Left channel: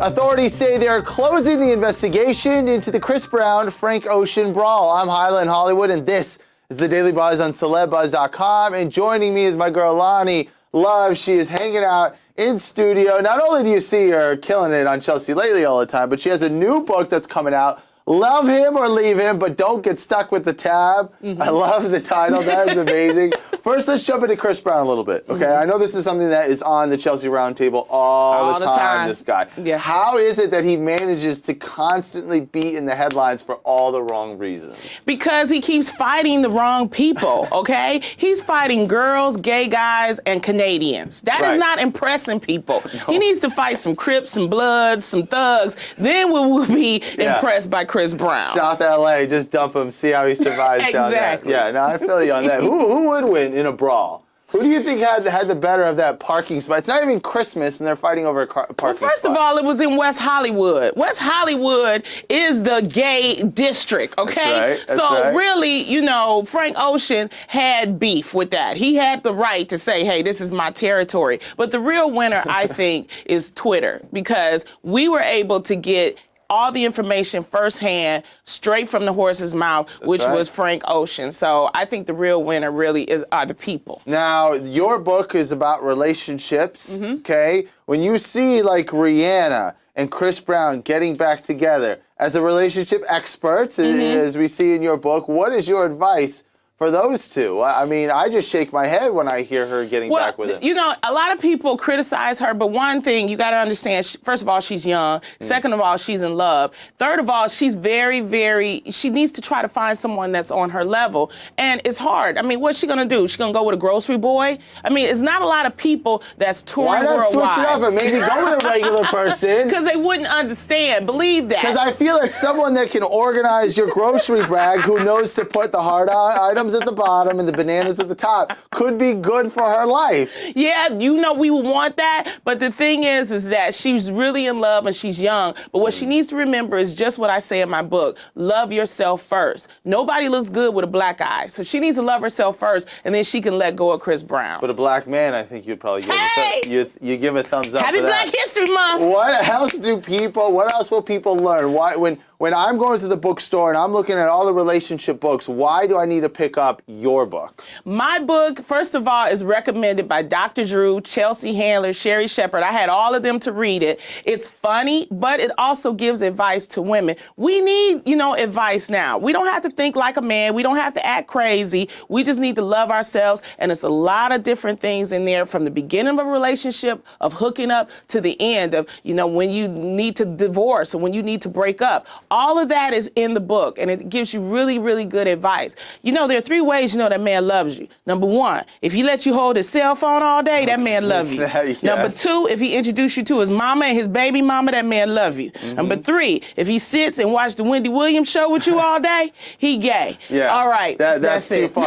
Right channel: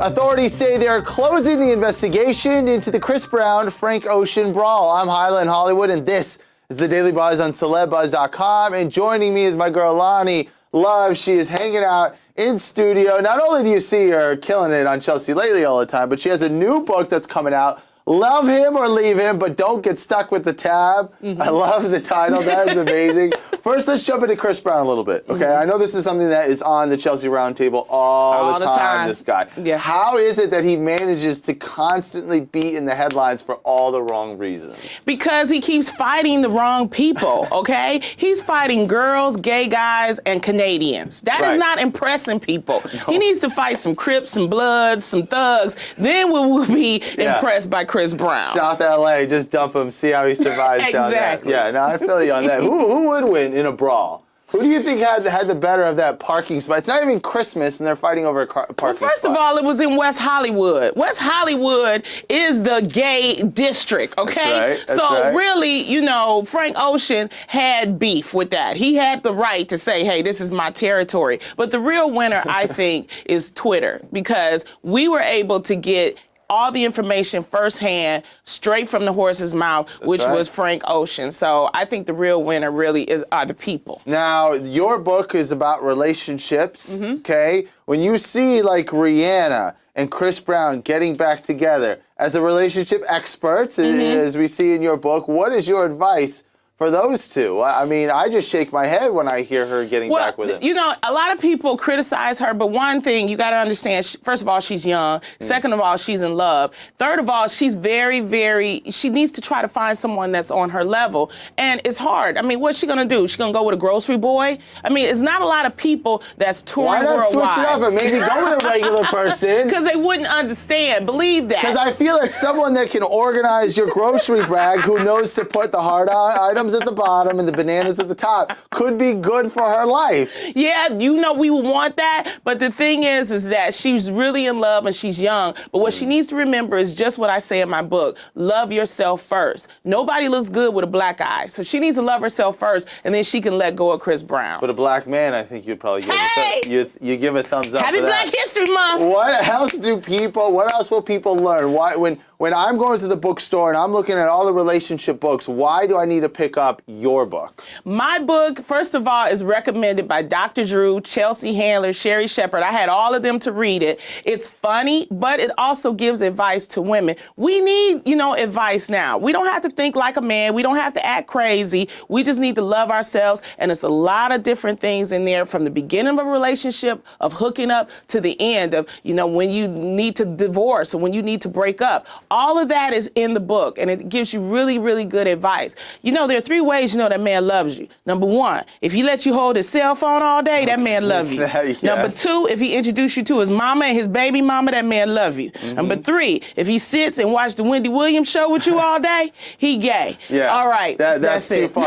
Authorities say they're closing the investigation into the Chris Brown, Frank Ocean brawl. I'm Hyla in Hollywood, and this is the Daily Buzz on CelebBuzz.com. And joining me is my girl Loni Love. She is hanging out in studio. Not only do you see her killing it on Chelsea Lately all the time, but she has a new book that's coming out. Love him or leave him, but don't get stuck with the tab. I love the title. That is amazing. First, let's jump into Chris Brown a little bit, okay? I know this is something that is on the Chelsea Roundtable all the time, this guy. Yeah. How is it that he manages to constantly be in the headlines for all the wrong reasons? Because he keeps fighting the wrong people, okay? He's fighting girls, gay guys, and Canadians. That is not impressing people. No. He needs to fight some Crips, some Bloods, some Thugs. Then we'll be impressed by Chris Brown. South LA, just dump him, see how he survives. Exactly. Yeah, no, I feel you on that. Who would win in a brawl? Who do you think had the better of that parking spot? It's not even Christmas, and they're fighting over a parking spot. Well, first of all, it was in West Hollywood. West Hollywood is the gay district, okay? That's right. Really, you know, Frank Ocean had beef with that. He had the right to say, hey, this is my territory. But the real winner, I think, is Twitter, because we were able to get all the information firsthand, straight from the horse's mouth, which was Frank Ocean. So I think the real winner really are the people. Now, your book is about relationships, okay? When you see like Rihanna and Chris Brown getting back together, as a relationship expert, as we see in your book, what is your advice for those two? I mean, I just shake my head when I hear her getting back with him. You know, a lot of people criticize her, but one thing you got to understand, first of all, she's young. Second of all, she's in love. Third of all, she's she needs to try to find someone that's on her level. And it's hard. I mean, what's she going to do? She's going to go with a grocery boy? I mean, it's not a lot of people that's touring worldwide. Why not switch it up and maybe go with a regular person? Because they wouldn't understand. Believe that. Because I feel like someone that can organize your grocery bag, who knows to put the hard items at the bottom and the bananas at the top, could be good for her life. Yeah, you know we would want that, but the thing is that she's really in love and she's young, but what she needs to remember is just what I say in my book: love yourself first. Nobody looks good with a black eye, so she needs to love herself first, and then she can let go of Chris Brown. But a black man, I think you'd probably give you give a thumbs up. Happy for that. Black History Month. What else will people learn? Why, when I'm going to the bookstore and I'm looking at all the relationship books, why do I need to pick up your book? My book, first of all, is recommended by Dr. Drew, Chelsea Handler, Sherry Shepard. I had all of them to read it. It's funny, but it also gives advice to women. We need, advice now. We don't have to think like a man. We don't have to act crazy. We just need to love ourselves. And it's a lot of different things in there, from the beginning of a relationship, of hooking up, to the end of, when you need to divorce or when you need to break up. All of that is in the book, and it gives you really, really good advice. There are 3 ways that man loves you. Number 1, if he lets you hold his cell phone all day, that man loves you. Yes. Number 2, if he introduces you to his mama and his baby mama, that man loves you. Number 3, if he sits and watches the Wendy Williams show with you all day, he gay. Yeah. All right. That's too it. far.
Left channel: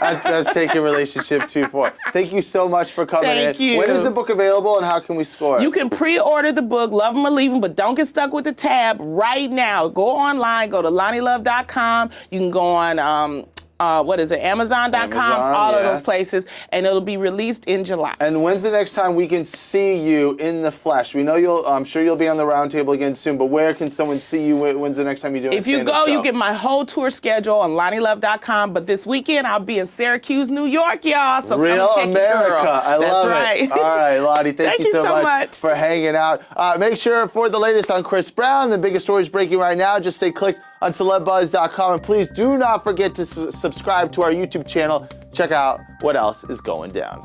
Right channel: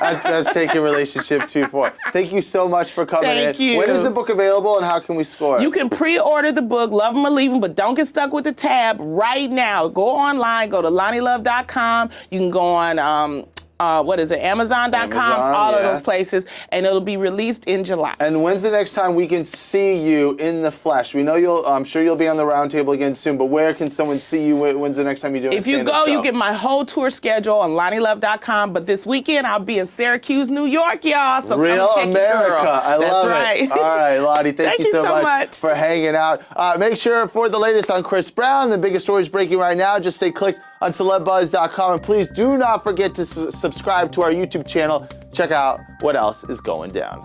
That's taking a relationship too far. Thank you so much for coming in. Thank you. When is the book available and how can we score it? You can pre-order the book, Love 'Em or Leave 'Em, but don't get stuck with the tab right now. Go online, go to LoniLove.com. You can go on, Amazon.com, all of those places, and it'll be released in July. And when's the next time we can see you in the flesh? We know I'm sure you'll be on the roundtable again soon, but where can someone see you? When's the next time you do it? If you go, you get my whole tour schedule on LoniLove.com, but this weekend I'll be in Syracuse, New York, y'all, so Real come check America. your girl. I That's love right. it. All right, Loni, thank you so much for hanging out. Make sure for the latest on Chris Brown, the biggest stories breaking right now, just stay clicked on CelebBuzz.com, and please do not forget to subscribe to our YouTube channel. Check out what else is going down.